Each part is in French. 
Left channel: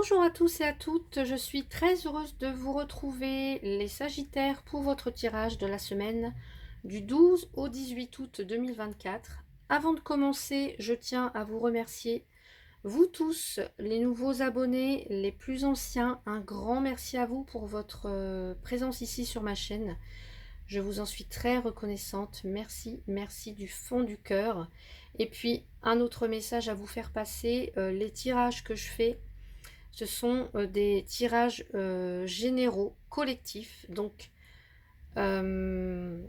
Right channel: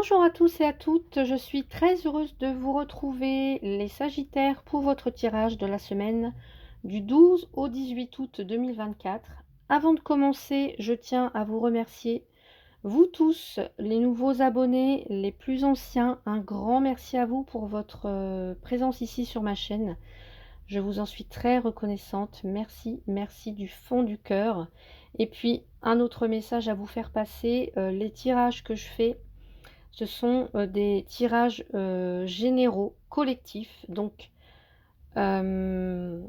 Bonjour à tous et à toutes, je suis très heureuse de vous retrouver les Sagittaires pour votre tirage de la semaine du 12 au 18 août 2024. Avant de commencer, je tiens à vous remercier, vous tous, les nouveaux abonnés, les plus anciens, un grand merci à vous pour votre présence ici sur ma chaîne. Je vous en suis très reconnaissante, merci, merci du fond du cœur. Et puis, un autre message à vous faire passer, les tirages que je fais, ce sont des tirages généraux, collectifs. Donc, s'il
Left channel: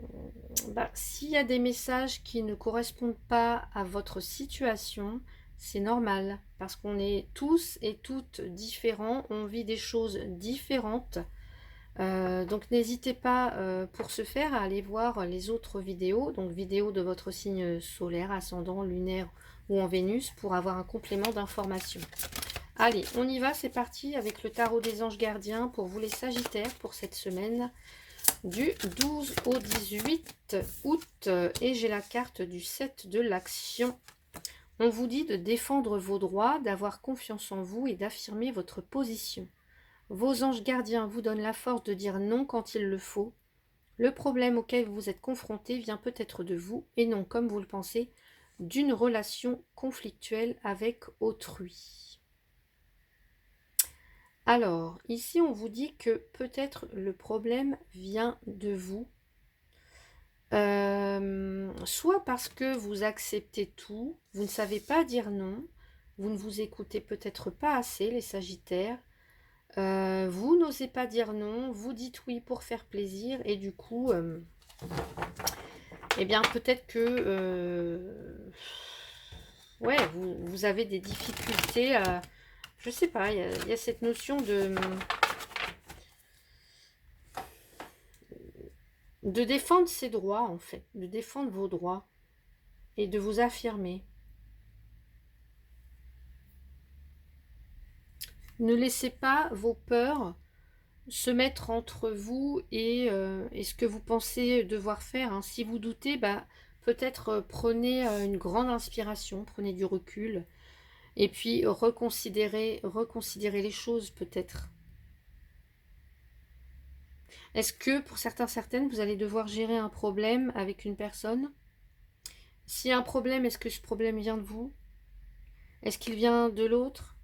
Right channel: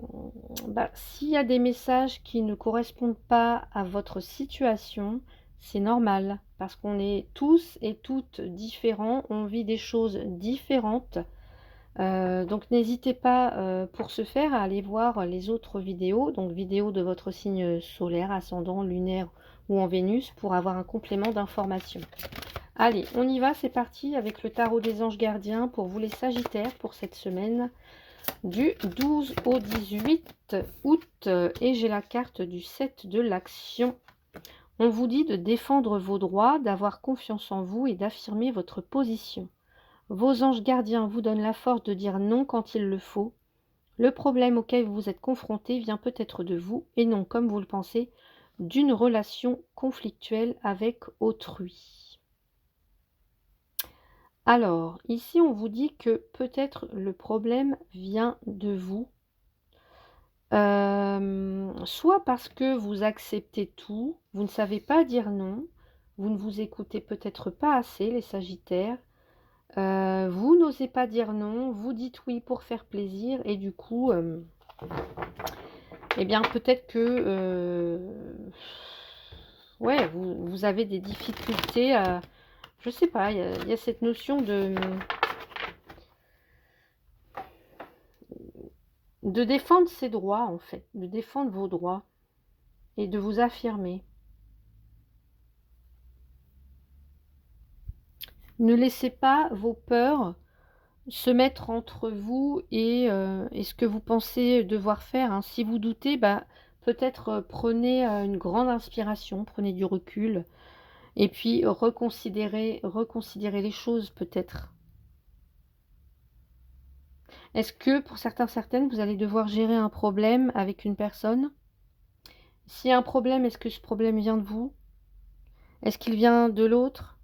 y a des messages qui ne correspondent pas à votre situation, c'est normal. Parce qu'on est tous et toutes différents, on vit des choses différentes. Donc, n'hésitez pas pour ce faire à aller voir les autres vidéos. Donc, vidéos de votre signe solaire, ascendant, lunaire ou en Vénus pour avoir un complément d'information. Allez, on y va, c'est parti avec le tarot des anges gardiens pour vous les Sagittaires pour cette semaine du 12 au 18 août. Et j'ai la carte du 7 de l'action. On vous dit de défendre vos droits, d'avoir confiance en vous et d'affirmer votre position. Vos anges gardiens vous donnent la force de dire non quand il le faut. Le problème auquel vous êtes confronté vient peut-être de vous et non, comme vous le pensez, d'une relation conflictuelle avec autrui. Alors, ici, on vous dit que peut-être le problème vient de vous. Soit parce que vous acceptez tout, vous ne savez pas dire non, vous ne vous écoutez peut-être pas assez, les Sagittaires. Vous n'osez pas dire non, vous dites oui pour faire plaisir et du coup, eh bien, peut-être que ouais, vous avez des difficultés à... Je sais pas, il y a cette notion de défendre ses droits, en fait, de défendre vos droits et de vous affirmer. Ne laissez pas vos peurs se mettre entre vous et ce que vous pensez devoir faire, hein. Si vous doutez, bah, peut-être prenez une grande inspiration, prenez du recul et puis reconsidérez les choses peut-être. Est-ce que pour certaines, vous allez devoir gérer un problème avec une personne? S'il y a un problème, est-ce que ce problème vient de vous? Est-ce qu'il vient de l'autre?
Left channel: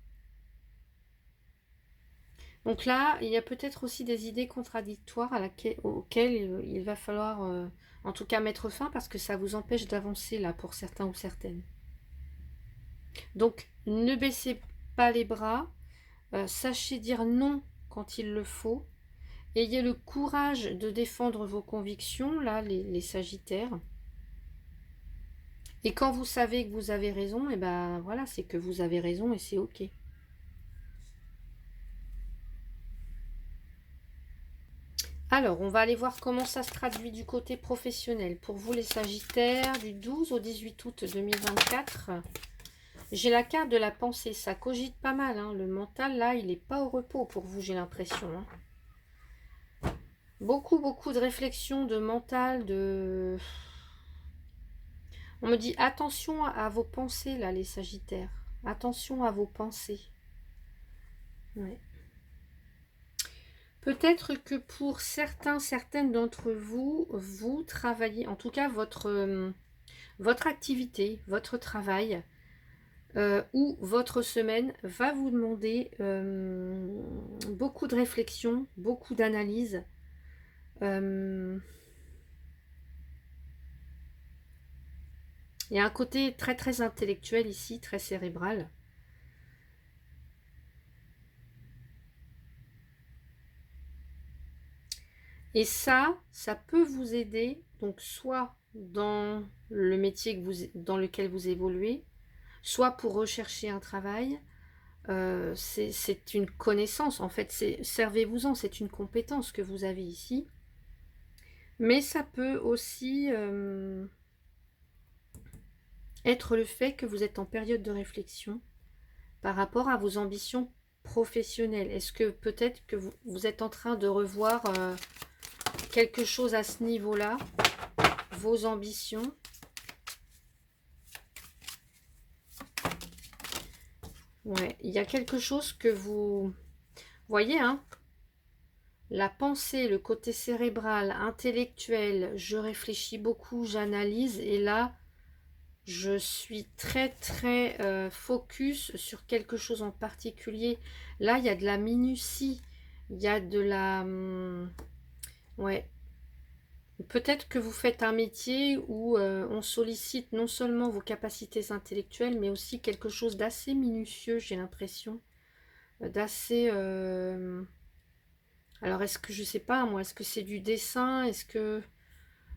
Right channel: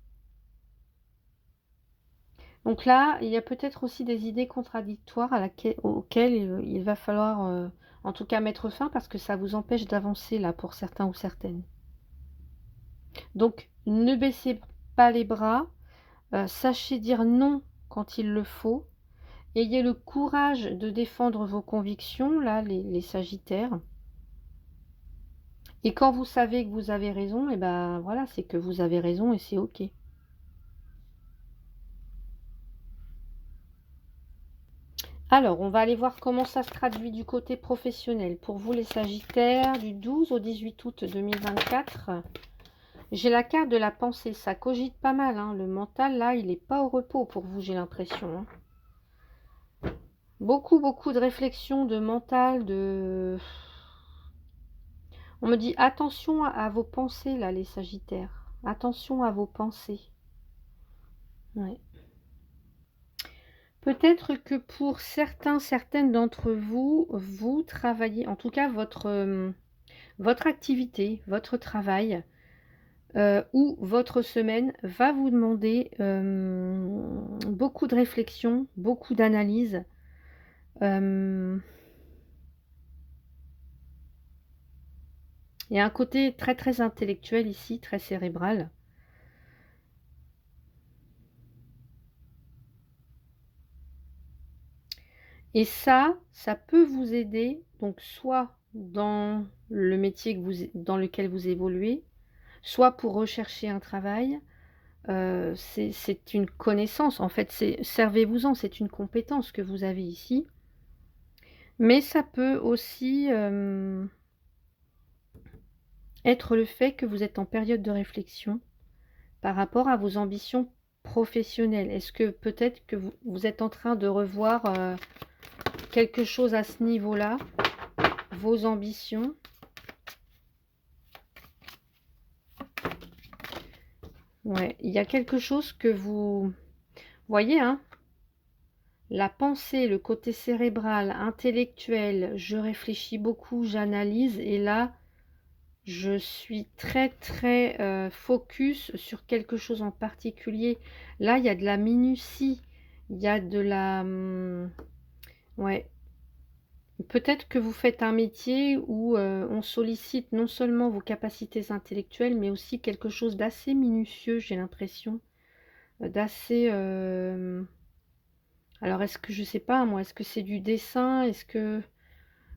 Donc là, il y a peut-être aussi des idées contradictoires auxquelles il va falloir, en tout cas, mettre fin parce que ça vous empêche d'avancer là pour certains ou certaines. Donc, ne baissez pas les bras, sachez dire non quand il le faut. Ayez le courage de défendre vos convictions, là, les Sagittaires. Et quand vous savez que vous avez raison, et ben voilà, c'est que vous avez raison et c'est ok. Alors, on va aller voir comment ça se traduit du côté professionnel. Pour vous, les Sagittaires, du 12 au 18 août 2024, j'ai la carte de la pensée. Ça cogite pas mal, hein. Le mental, là, il n'est pas au repos pour vous, j'ai l'impression, hein. Beaucoup de réflexion, de mental, de... On me dit, attention à vos pensées, là, les Sagittaires. Attention à vos pensées. Ouais. Peut-être que pour certaines d'entre vous, vous travaillez, en tout cas votre activité, votre travail ou votre semaine va vous demander beaucoup de réflexion, beaucoup d'analyse. Il y a un côté très intellectuel ici, très cérébral. Et ça peut vous aider, donc soit dans le métier dans lequel vous évoluez, soit pour rechercher un travail. C'est une connaissance, en fait, servez-vous-en, c'est une compétence que vous avez ici. Mais ça peut aussi être le fait que vous êtes en période de réflexion par rapport à vos ambitions professionnelles. Est-ce que peut-être que vous êtes en train de revoir quelque chose à ce niveau-là, vos ambitions? Ouais, il y a quelque chose que vous voyez, hein, la pensée, le côté cérébral, intellectuel, je réfléchis beaucoup, j'analyse, et là, je suis très très focus sur quelque chose en particulier. Là, il y a de la minutie, il y a de la... ouais, peut-être que vous faites un métier où on sollicite non seulement vos capacités intellectuelles, mais aussi quelque chose d'assez minutieux, j'ai l'impression, d'assez... alors, est-ce que, je sais pas, moi, est-ce que c'est du dessin? Est-ce que...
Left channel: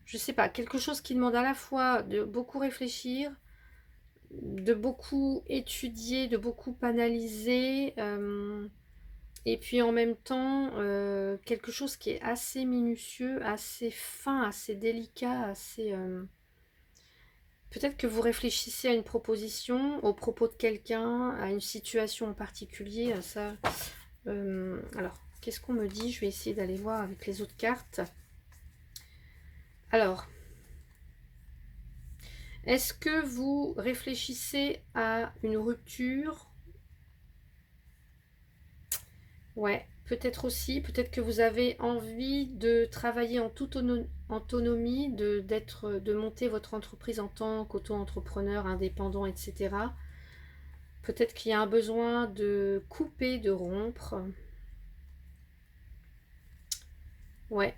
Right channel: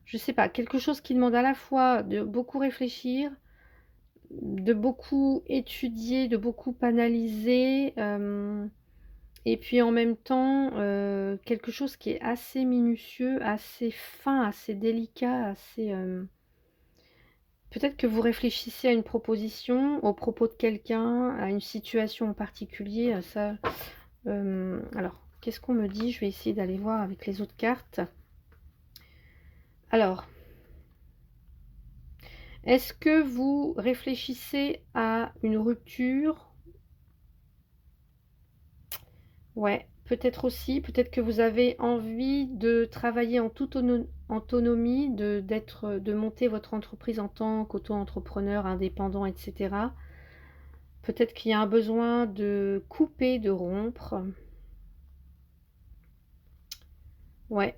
Je sais pas, quelque chose qui demande à la fois de beaucoup réfléchir, de beaucoup étudier, de beaucoup analyser, et puis en même temps, quelque chose qui est assez minutieux, assez fin, assez délicat, assez... peut-être que vous réfléchissez à une proposition, au propos de quelqu'un, à une situation en particulier, à ça. Alors, qu'est-ce qu'on me dit? Je vais essayer d'aller voir avec les autres cartes. Alors, est-ce que vous réfléchissez à une rupture? Ouais, peut-être aussi. Peut-être que vous avez envie de travailler en toute autonomie, de monter votre entreprise en tant qu'auto-entrepreneur, indépendant, etc. Peut-être qu'il y a un besoin de couper, de rompre. Ouais.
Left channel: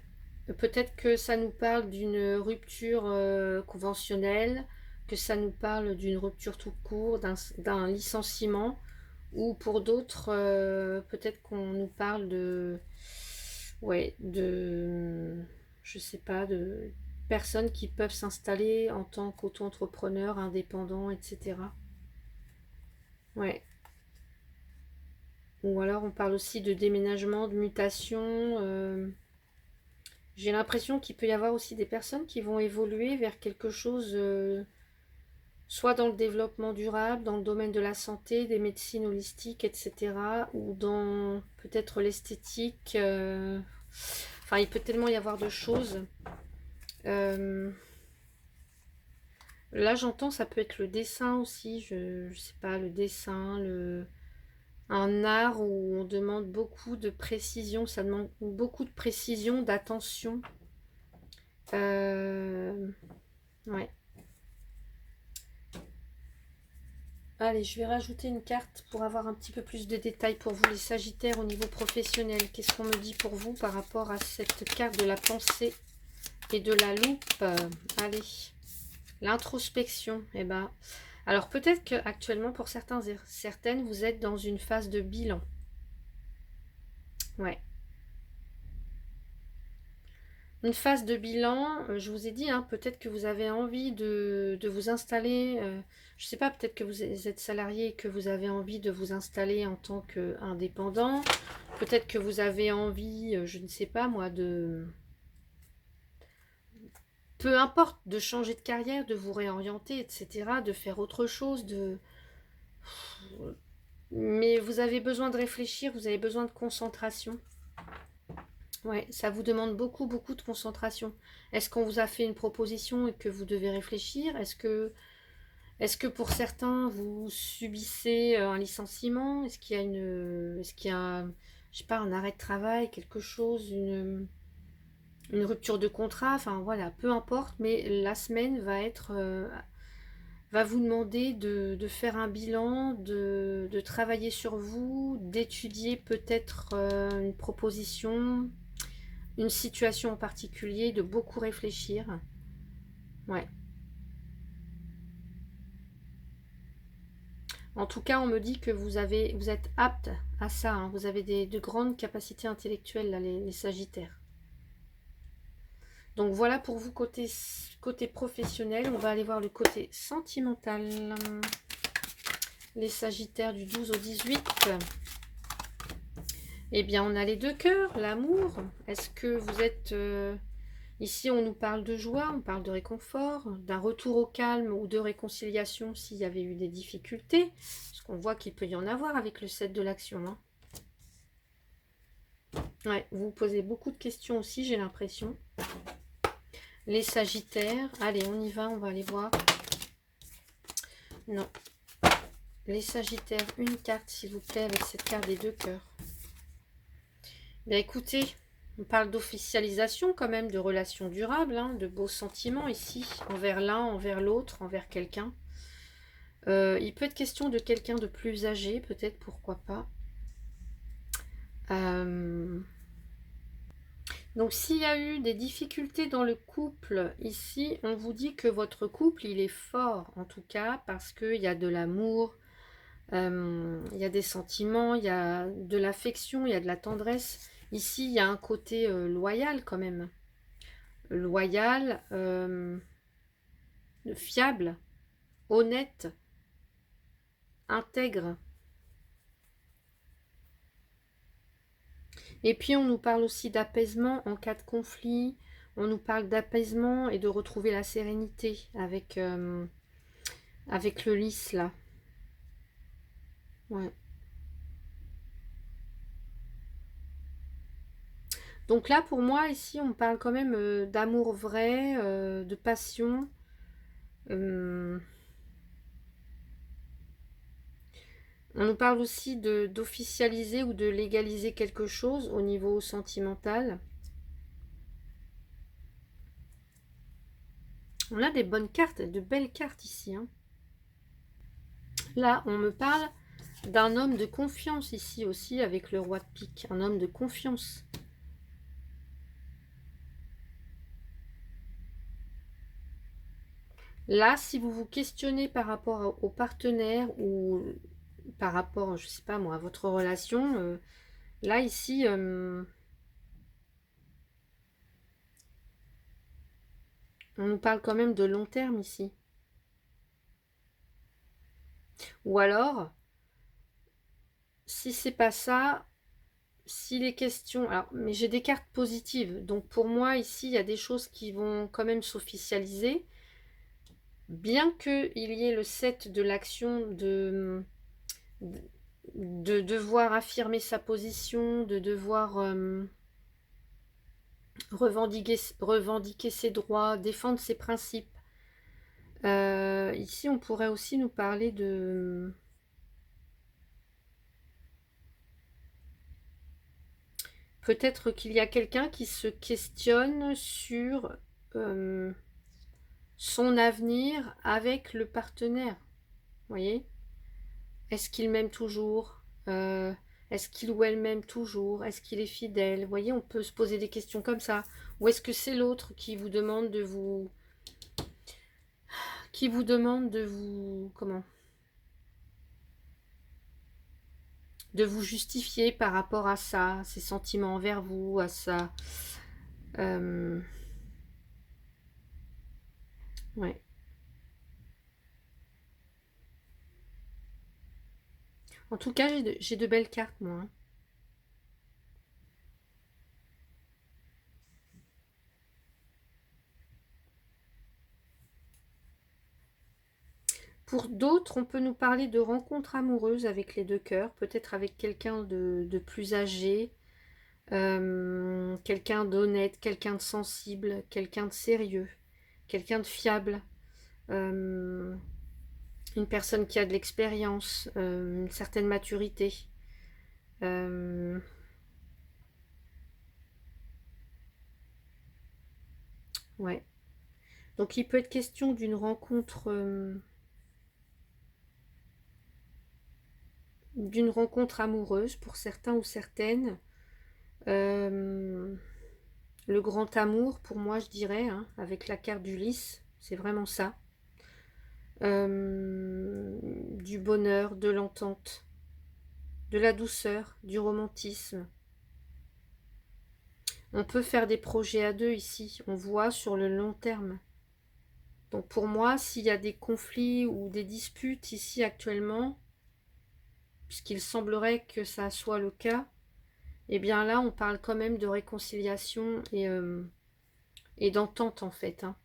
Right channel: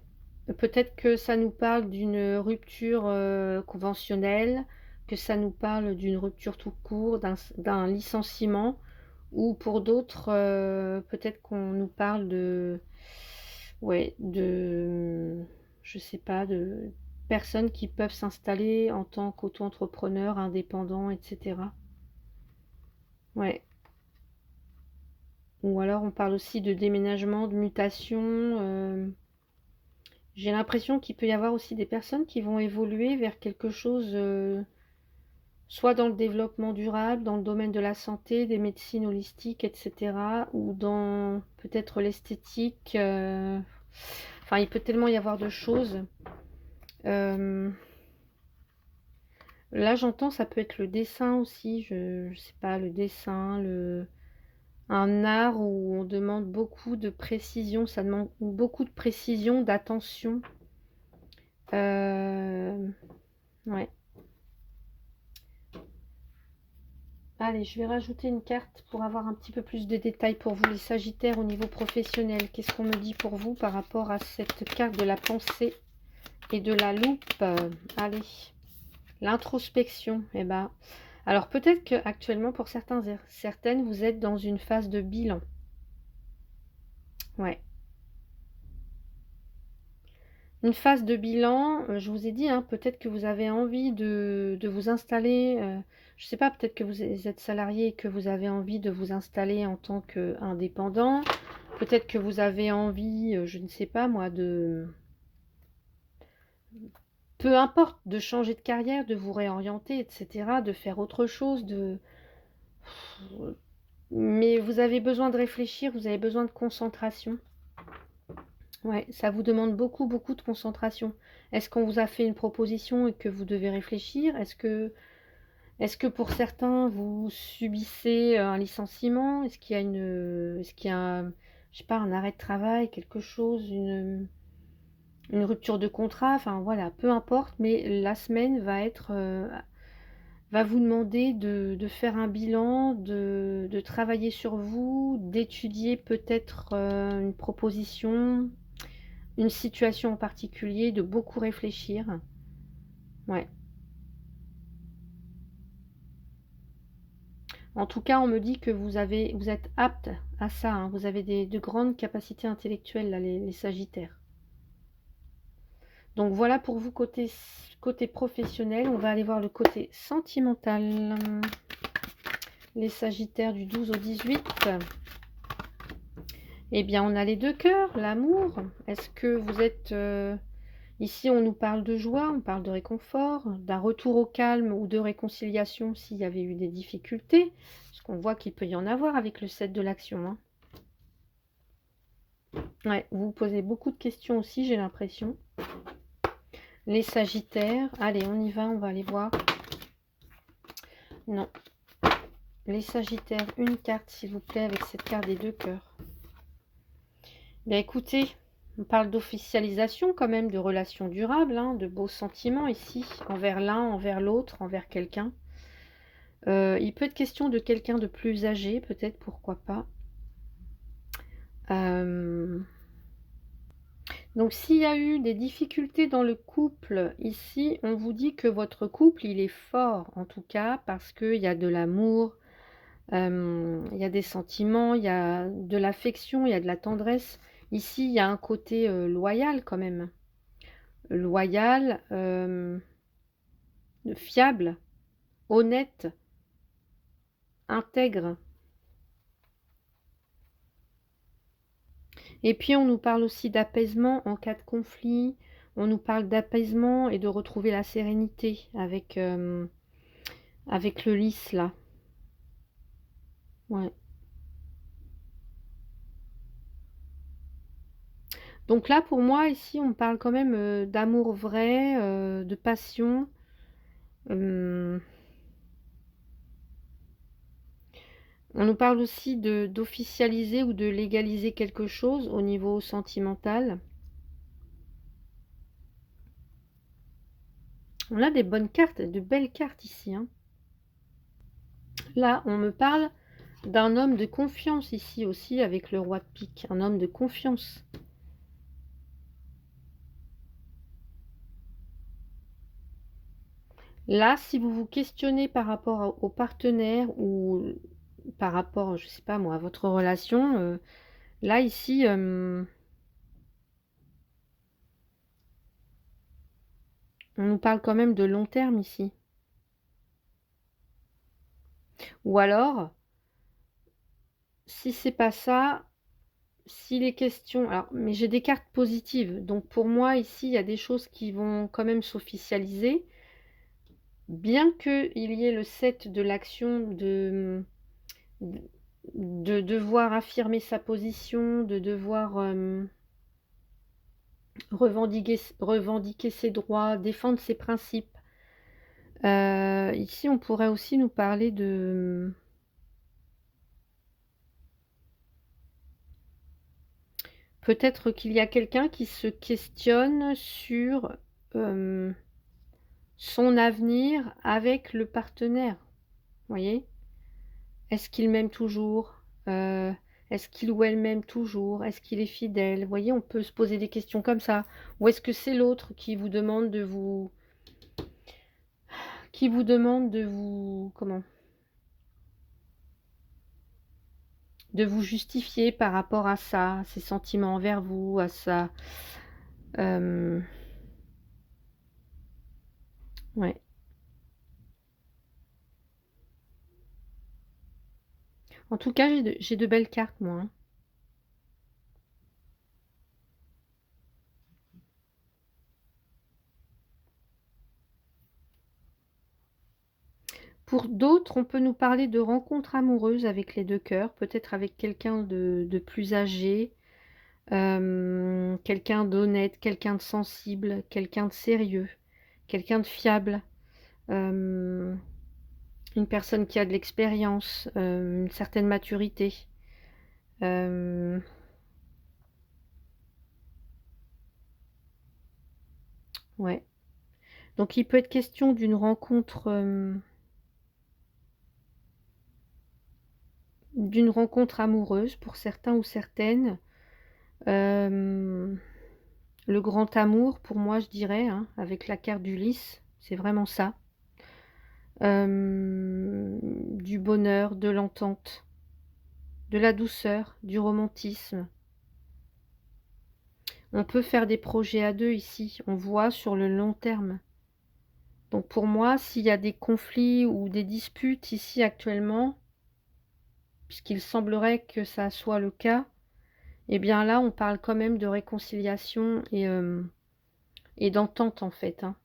Peut-être que ça nous parle d'une rupture conventionnelle, que ça nous parle d'une rupture tout court, d'un licenciement, ou pour d'autres, peut-être qu'on nous parle de, ouais, je sais pas, de personnes qui peuvent s'installer en tant qu'auto-entrepreneur, indépendant, etc. Ouais. Ou alors on parle aussi de déménagement, de mutation. J'ai l'impression qu'il peut y avoir aussi des personnes qui vont évoluer vers quelque chose, soit dans le développement durable, dans le domaine de la santé, des médecines holistiques, etc. Ou dans peut-être l'esthétique. Enfin, il peut tellement y avoir de choses. Euh, Là, j'entends, ça peut être le dessin aussi. Je sais pas, le dessin, un art où on demande beaucoup de précision. Ça demande beaucoup de précision, d'attention. Euh, ouais. Allez, je vais rajouter une carte pour avoir un petit peu plus de détails pour vous, les Sagittaires, au niveau professionnel. Qu'est-ce qu'on me dit pour vous par rapport à cette carte de la pensée et de la loupe? Allez, l'introspection. Eh ben, alors peut-être qu'actuellement, pour certains et certaines, vous êtes dans une phase de bilan. Ouais. Une phase de bilan, je vous ai dit, hein, peut-être que vous avez envie de vous installer, je ne sais pas, peut-être que vous êtes salarié et que vous avez envie de vous installer en tant qu'indépendant. Peut-être que vous avez envie, je ne sais pas moi, peu importe, de changer de carrière, de vous réorienter, etc., de faire autre chose, mais vous avez besoin de réfléchir, vous avez besoin de concentration. Ouais, ça vous demande beaucoup, beaucoup de concentration. Est-ce qu'on vous a fait une proposition et que vous devez réfléchir? Est-ce que pour certains, vous subissez un licenciement? Est-ce qu'il y a est-ce qu'il y a je sais pas, un arrêt de travail, quelque chose, une rupture de contrat? Enfin voilà, peu importe, mais la semaine va vous demander de faire un bilan, de travailler sur vous, d'étudier peut-être une proposition, une situation en particulier, de beaucoup réfléchir. Ouais. En tout cas, on me dit que vous êtes apte à ça, hein. Vous avez de grandes capacités intellectuelles, là, les Sagittaires. Donc voilà pour vous côté professionnel. On va aller voir le côté sentimental. Les Sagittaires du 12 au 18. Eh bien, on a les deux cœurs, l'amour. Est-ce que vous êtes... ici, on nous parle de joie, on parle de réconfort, d'un retour au calme ou de réconciliation s'il y avait eu des difficultés. Parce qu'on voit qu'il peut y en avoir avec le 7 de l'action, hein. Ouais, vous vous posez beaucoup de questions aussi, j'ai l'impression. Les Sagittaires. Allez, on y va, on va aller voir. Non. Les Sagittaires, une carte s'il vous plaît avec cette carte des 2 cœurs. Bien écoutez, on parle d'officialisation quand même, de relations durables, hein, de beaux sentiments ici, envers l'un, envers l'autre, envers quelqu'un. Il peut être question de quelqu'un de plus âgé, peut-être, pourquoi pas. Donc s'il y a eu des difficultés dans le couple, ici, on vous dit que votre couple, il est fort, en tout cas, parce qu'il y a de l'amour, il y a des sentiments, il y a de l'affection, il y a de la tendresse. Ici, il y a un côté loyal quand même. Loyal, fiable, honnête, intègre. Et puis, on nous parle aussi d'apaisement en cas de conflit. On nous parle d'apaisement et de retrouver la sérénité avec le lys, là. Ouais. Donc là, pour moi, ici, on parle quand même d'amour vrai, de passion. On nous parle aussi d'officialiser ou de légaliser quelque chose au niveau sentimental. On a des bonnes cartes, de belles cartes ici, hein. Là, on me parle d'un homme de confiance ici aussi avec le roi de pique. Un homme de confiance. Là, si vous vous questionnez par rapport au partenaire ou par rapport, je sais pas moi, à votre relation, là, ici, on nous parle quand même de long terme ici. Ou alors, si c'est pas ça, si les questions... Alors, mais j'ai des cartes positives. Donc, pour moi, ici, il y a des choses qui vont quand même s'officialiser. Bien qu'il y ait le 7 de l'action de devoir affirmer sa position, de devoir revendiquer ses droits, défendre ses principes. Ici, on pourrait aussi nous parler de... Peut-être qu'il y a quelqu'un qui se questionne sur son avenir avec le partenaire. Vous voyez? Est-ce qu'il m'aime toujours? Est-ce qu'il ou elle m'aime toujours? Est-ce qu'il est fidèle? Vous voyez, on peut se poser des questions comme ça. Ou est-ce que c'est l'autre qui vous demande de vous... Qui vous demande de vous... Comment? De vous justifier par rapport à ça, à ses sentiments envers vous, à ça. Ouais. En tout cas, j'ai de belles cartes, moi, hein. Pour d'autres, on peut nous parler de rencontres amoureuses avec les 2 cœurs, peut-être avec quelqu'un de plus âgé, quelqu'un d'honnête, quelqu'un de sensible, quelqu'un de sérieux, quelqu'un de fiable, une personne qui a de l'expérience, une certaine maturité. Ouais. Donc il peut être question d'une rencontre amoureuse pour certains ou certaines. Le grand amour, pour moi, je dirais, hein, avec la carte du lys, c'est vraiment ça. Du bonheur, de l'entente, de la douceur, du romantisme. On peut faire des projets à 2 ici, on voit sur le long terme. Donc pour moi, s'il y a des conflits ou des disputes ici actuellement, puisqu'il semblerait que ça soit le cas, eh bien là, on parle quand même de réconciliation et d'entente en fait, hein,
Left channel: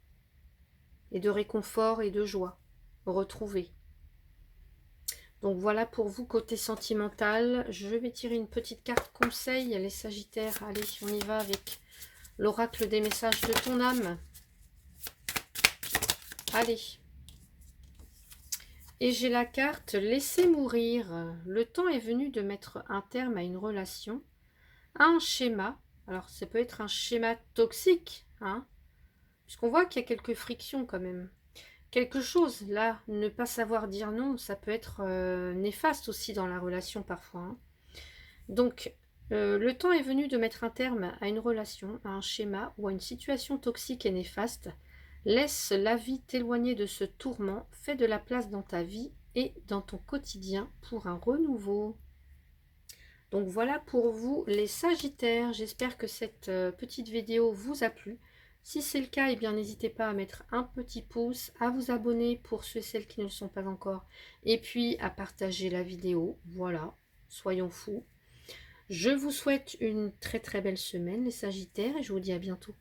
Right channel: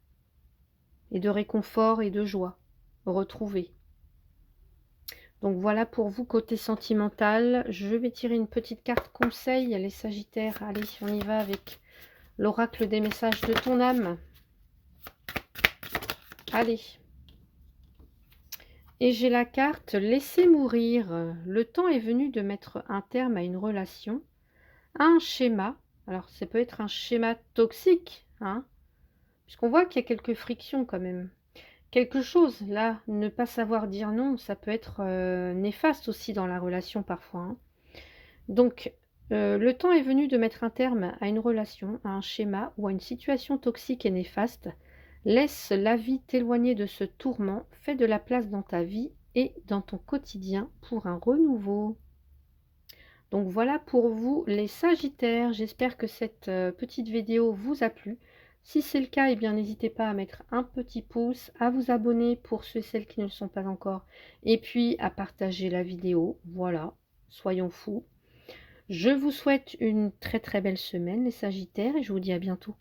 et de réconfort et de joie retrouvée. Donc voilà pour vous côté sentimental. Je vais tirer une petite carte conseil, les Sagittaires. Allez, on y va avec l'oracle des messages de ton âme. Allez. Et j'ai la carte laisser mourir. Le temps est venu de mettre un terme à une relation, à un schéma. Alors ça peut être un schéma toxique, hein, puisqu'on voit qu'il y a quelques frictions quand même. Quelque chose, là, ne pas savoir dire non, ça peut être néfaste aussi dans la relation parfois, hein. Donc, le temps est venu de mettre un terme à une relation, à un schéma ou à une situation toxique et néfaste. Laisse la vie t'éloigner de ce tourment, fais de la place dans ta vie et dans ton quotidien pour un renouveau. Donc voilà pour vous les Sagittaires. J'espère que cette petite vidéo vous a plu. Si c'est le cas, eh bien n'hésitez pas à mettre un petit pouce, à vous abonner pour ceux et celles qui ne le sont pas encore, et puis à partager la vidéo. Voilà, soyons fous. Je vous souhaite une très très belle semaine les Sagittaires et je vous dis à bientôt.